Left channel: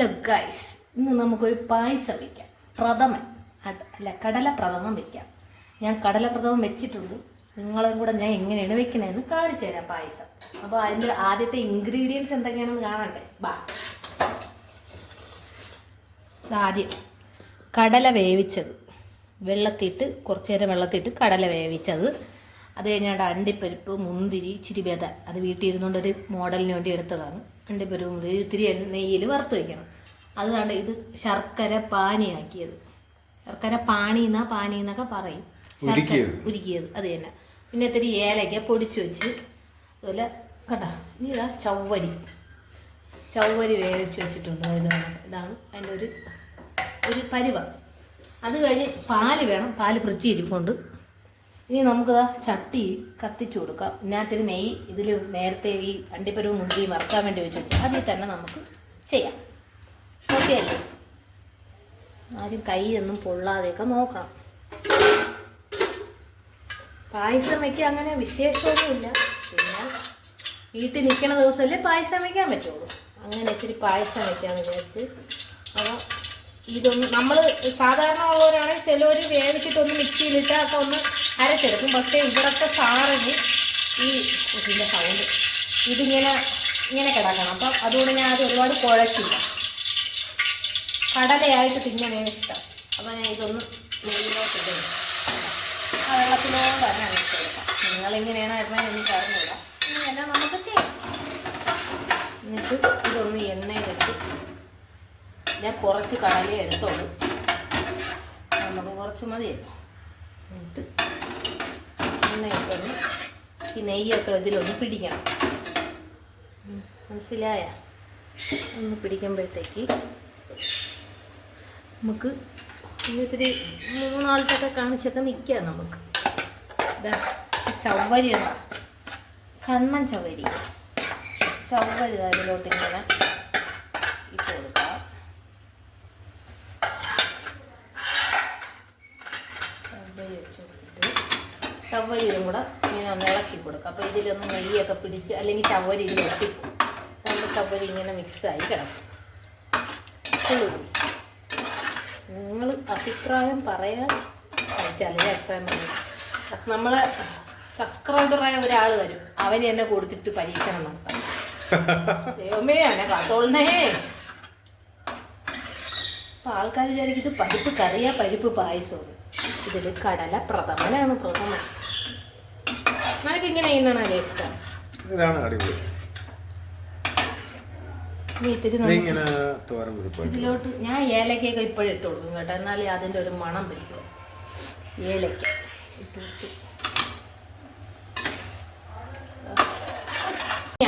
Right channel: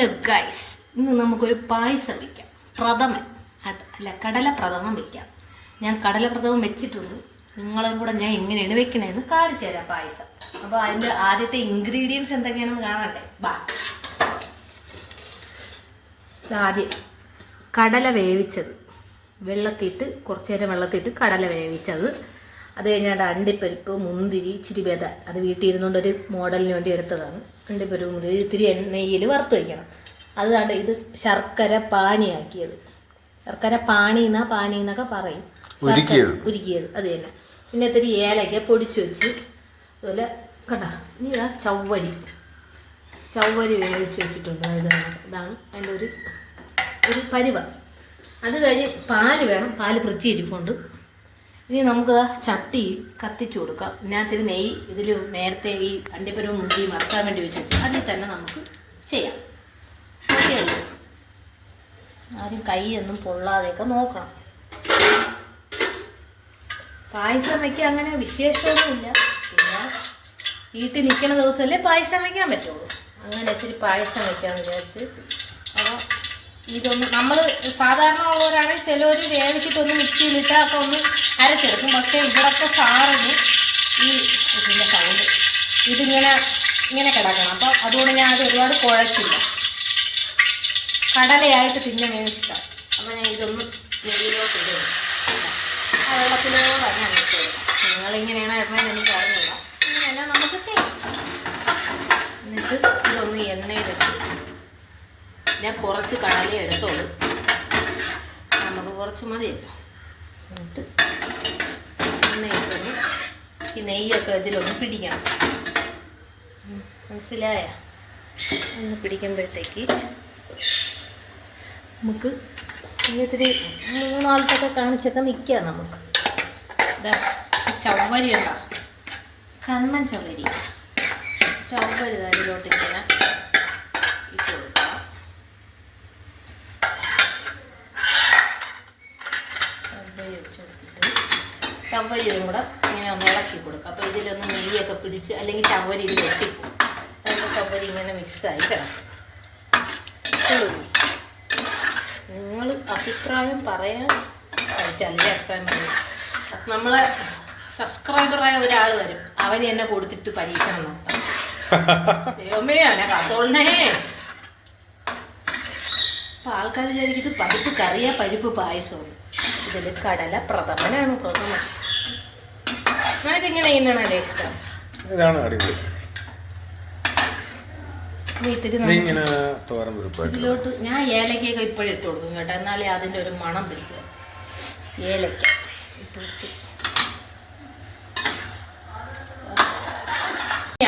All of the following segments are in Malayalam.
ഹലോ ഗൈസ്, ഇന്ന് നമുക്കൊരു പായസം വയ്ക്കാം. പ്രഥമൻ അല്ല, കടല പ്രഥമൻ വയ്ക്കാം. ഞാൻ കടല പ്രഥമൻ വെച്ചിട്ടുണ്ട്. നിങ്ങളും കൂടെ ഞാൻ എങ്ങനെയാണ് വെക്കണേന്ന് കാണിച്ചു തരാം പായസം. അപ്പോൾ അതിൻ്റെ ആദ്യത്തെ ഇൻഗ്രീഡിയൻസ് എന്തൊക്കെയാണെന്ന് കാണണ്ടേ? ആദ്യം കടല വേവിച്ചത്, വെള്ളത്തിയിട്ട് കുറച്ച് നേരം വെള്ളത്തിയിട്ട് കടല വേവിച്ചത്. അത് കഴിഞ്ഞാൽ അണ്ടിപ്പരിപ്പ്, മുന്തിരി, ഇച്ചിരി ബദാം, അത് വീട്ടിൽ ഇരുന്നുകൊണ്ട് ഒരു മോഡലിന് വേണ്ടി എടുത്തതാണ്. അണ്ടിപ്പരിപ്പ്, മുന്തിരി ഇത്തിരി നെയ്യിൽ വറുത്ത് വയ്ക്കണം. അതുകൊണ്ട് ഇത് ശർക്കര പാനിയാക്കിയത്. ശർക്കര പാനി എന്നൊക്കെ പറയും, ഉരുക്കിയത് അത് തന്നെ. പിന്നെ ഇത്തിരി ഏലക്ക പൊടിച്ച് വെച്ച്, അതുപോലെ കണ്ട ഇനി ഇതാ ചവ്വരി വേവിച്ച് വെച്ചിട്ടുണ്ട്. ഇതാണ് അതിൻ്റെ ഒരു പരുവ. അത് കഴിഞ്ഞ് പാല് വേണം, പാല് ഫ്രിഡ്ജ് ഇരിപ്പുണ്ട്. ഇനി നമുക്ക് ചട്ടി കത്തിച്ചു കൊടുക്കാം. ഇതിനകത്ത് നെയ്യ്, ഇതിൽ നേരത്തെ ഈ അണ്ടിപ്പരിപ്പ് മുന്തിരി മറക്കാൻ വേണ്ടി വെച്ചു, അതിൽ തന്നെ നമുക്ക് ചെയ്യാം. ഓക്കെ അല്ലേ? ആരും കൈയൊന്നും പൊള്ളാതെയൊക്കെ നോക്കണം. പായസം വയ്ക്കാൻ അങ്ങനെ വിശേഷമൊന്നുമില്ല. പിന്നെ വീട്ടിൽ നിൽക്കുന്ന ദിവസമല്ലേ പായസം വയ്ക്കാൻ പറ്റുള്ളൂ. അങ്ങനെ ഇച്ചിരി പായസം വയ്ക്കാൻ വിചാരിച്ച്. അപ്പോൾ ഇതൊന്ന് നമ്മൾ സാധാരണ ഉള്ളവരാണെങ്കിൽ ചിലവർ വേവിച്ചിട്ടൊന്ന് മിക്സിയിലിട്ട് ഒക്കെ ഒന്ന് അരച്ചെടുക്കും. പക്ഷേ ഇവിടത്തെ സാറിന് ഈ ഇതിൻ്റെ സൗണ്ട് ഇങ്ങനെ കിടക്കണം. അപ്പം അതുകൊണ്ട് ഞാൻ അത് ഒരുപാട് കുഴച്ചില്ല. കടലയായിട്ട് പിന്നെ വേവിച്ചിട്ടാണ്. അപ്പോൾ ഞാൻ ഇതൊന്ന് നെയ്യിലോട്ട് ഇടും. ആ വെള്ളത്തിലോടെ തന്നെ അരച്ച് കൊടുക്കാം. നിങ്ങളിങ്ങനെയാണ് ഇടുന്നതെന്ന് എനിക്ക് അറിഞ്ഞില്ല. ഇങ്ങനെ നമുക്ക് ചെയ്യാം. എന്നിട്ട് ഇതൊന്ന് എണ്ണയിലിട്ട്, ഞാൻ കുറച്ച് കടല എടുത്തോളൂ, നമുക്ക് കുറച്ച് മതിയല്ലോ. എന്നിട്ട് എണ്ണയിട്ടൊന്ന് ഈ നെയ്യൊക്കെ ഇതിലൊന്ന് പിടിക്കണം. മനസ്സിലായ? ഒന്ന് പിടിക്കുമ്പോഴത്തേക്ക് നമുക്ക് ഇത്തിരി മൂന്നാൾക്കൊക്കെ കാണിച്ചൊക്കെ നിൽക്കാം. നമുക്ക് ഇതാ ചവ്വരി ഉണ്ടോ, കണ്ണൻ ചവ്വരി അതിലോട്ട് ഇങ്ങനെ ഇട്ട് കൊടുക്കാം. ചവ്വരി ഇതും കൂടെ ഇങ്ങനെ ഒന്ന് ഇളക്കി കൊടുക്കാം. അപ്പോൾ ഇതിലൊന്ന് നെയ്യൊക്കെ പിടിച്ച്, അല്ലെങ്കിൽ ചവ്വരി ഇതിൽ ഒട്ടിപ്പോകും. രണ്ട് ചവ്വരി ഇങ്ങനെ മിക്സായി കിടക്കും. നിങ്ങൾ അഭിപ്രായം പറയാൻ കഴിച്ചാലേ അഭിപ്രായം പറയും. നമ്മളെ സബ്സ്ക്രൈബറായ ഒരാൾ വരും, അവന് എന്നെ കൊടുത്തിട്ട് പരീക്ഷണം നടത്താം. ദൈവമേ, അങ്ങനെ കാത്തോളണേ. അപ്പം ആൾക്കാർ വിചാരിക്കും പരിപ്പ് കറിയാ, പരിപ്പ് പായസവും. ഇതിൽ കടല പ്രഥമനാണ്. പ്രഥമൻ ഇതിങ്ങനെ ചെയ്യുന്നതാണല്ലേ ഇഷ്ടം. ഇതിലോട്ട് ഞാൻ ഏലക്കയൊക്കെ ഇപ്പോഴും ഇട്ട് കൊടുക്കും കേട്ടോ, എന്നാലേ അതിൻ്റെ ഒരു മണം പിടിക്കും. ഏലക്ക ഇട്ട്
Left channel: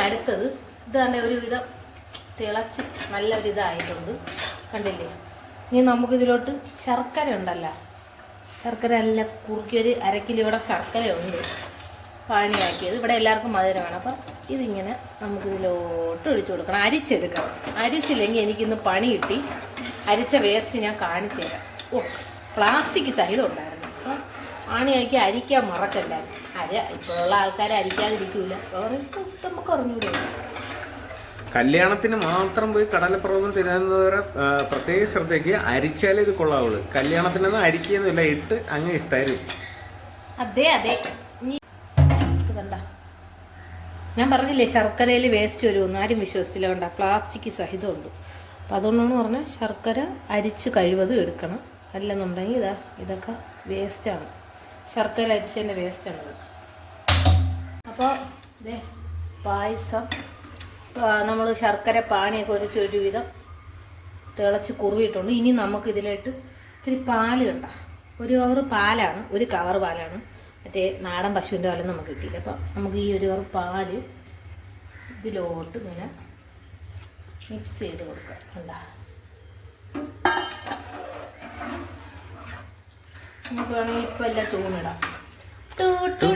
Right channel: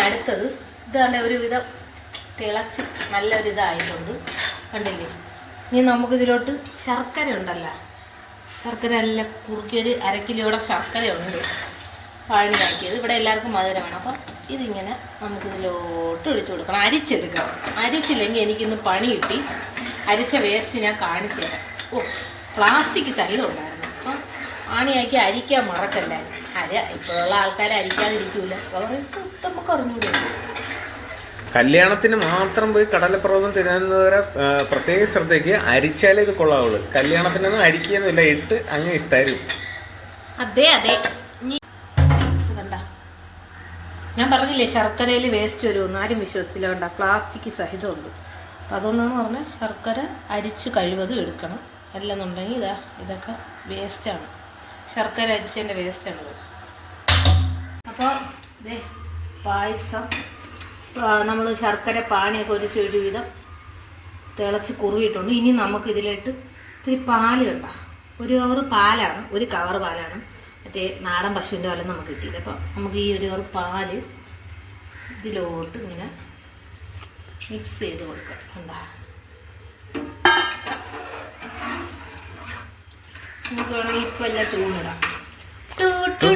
അടുത്തത് ഇതാണ്. ഒരുവിധം തിളച്ച് നല്ലൊരിതായിട്ടുണ്ട്, കണ്ടില്ലേ? ഇനി നമുക്കിതിലോട്ട് ശർക്കര ഉണ്ടല്ലോ, ശർക്കര എല്ലാം കുറുക്കിയൊരു 1/2 കിലോയുടെ ശർക്കര ഉണ്ട്, പാനിയാക്കിയത്. ഇവിടെ എല്ലാവർക്കും മധുരം വേണം. അപ്പം ഇതിങ്ങനെ നമുക്കിതിലോട്ട് ഒഴിച്ചു കൊടുക്കണം. അരിച്ചെടുക്കണം. അരിച്ചില്ലെങ്കിൽ എനിക്കിന്ന് പണി കിട്ടി. അരിച്ച വേസ്റ്റ് ഞാൻ കാണിച്ചു തരാം. പ്ലാസ്റ്റിക് സഹിതം ഉണ്ടായിരുന്നു. അപ്പം പാനിയാക്കി അരിക്കാൻ മറക്കല്ല. ഇപ്പോഴുള്ള ആൾക്കാർ അരിക്കാതിരിക്കൂല. നമുക്ക് അറിഞ്ഞൂടെ? കല്യാണത്തിന് മാത്രം പോയി കടലപ്രഥമൻ തിരുവനന്തപുര പ്രത്യേക ശ്രദ്ധയ്ക്ക് അരിച്ചാലേ ഇത് കൊള്ളാവുള്ളൂ. കല്യാണത്തിനൊന്നും അരിക്കുകയൊന്നുമില്ല, ഇട്ട് അങ്ങ് തരും. അതെ കണ്ട, ഞാൻ പറഞ്ഞില്ലേ ശർക്കരയിൽ വേസ്റ്റ് വരുമെന്ന്. ആരും വിശ്വസിച്ചില്ല. കണ്ട, പ്ലാസ്റ്റിക് സഹിതമുണ്ട്. അപ്പം അതുകൊണ്ടാണ് പറഞ്ഞാൽ ശർക്കര അരിച്ച് കഴിവതും എടുക്കണം. അല്ലെന്നുണ്ടെങ്കിൽ ഇതൊക്കെ വേസ്റ്റാണ്. ശർക്കര അരിച്ചതിൻ്റെ വേസ്റ്റാണത്. അപ്പോൾ പായസം നമ്മൾ ശർക്കര പാനിയൊക്കെ ഒരുവിധം തിളച്ച് കുറുകിയിട്ടുണ്ട്. ഇനി നമുക്ക് ഇതിലായിട്ട് ഇത്തിരി പാല് കണ്ട, 1 കവർ പാലാണ്, 1 കവർ പാലാണ്. മറ്റേ നാടൻ പശുവിൻ്റെ പാലും നമുക്ക് കിട്ടിയില്ല. അപ്പം നമുക്ക് ഈ 1 കവർ പാല് ഇതിലോട്ട് ഇങ്ങനെ മിക്സ് ചെയ്ത് കൊടുക്കാം. കണ്ട, നമുക്ക് വേണമെങ്കിൽ ഇപ്പം എല്ലാം ടൂണിടാം. ഇപ്പോഴത്തെ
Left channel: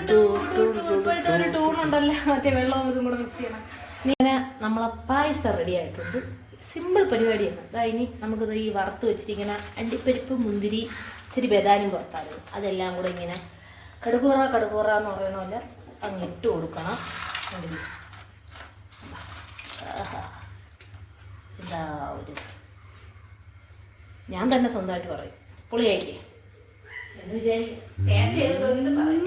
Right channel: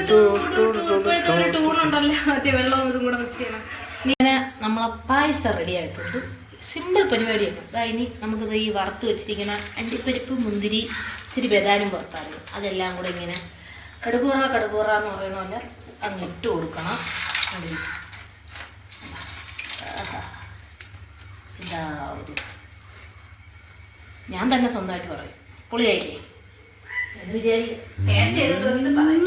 ഒരു ടൂണുണ്ടല്ലോ, മറ്റേ വെള്ളം ഇതും കൂടെ മിക്സ് ചെയ്യണം. ഇങ്ങനെ നമ്മളെ പായസം റെഡി ആയിട്ടുണ്ട്. സിമ്പിൾ പരിപാടിയാണ്. ഇനി നമുക്കിത് ഈ വറുത്ത് വെച്ചിരിക്കുന്ന അണ്ടിപ്പരിപ്പ്, മുന്തിരി, ഇച്ചിരി ബദാനും പുറത്താറുണ്ട്, അതെല്ലാം കൂടെ ഇങ്ങനെ കടുകൂറ എന്ന് പറയണമല്ല അങ്ങ് ഇട്ട് കൊടുക്കണം. ഇതാ ഒരു ഞാൻ തന്നെ സ്വന്തമായിട്ട് പറയും പൊളിയായില്ലേ എന്ന് വിചാരിക്കും ടേസ്റ്റ് ചെയ്തിട്ട് പറയും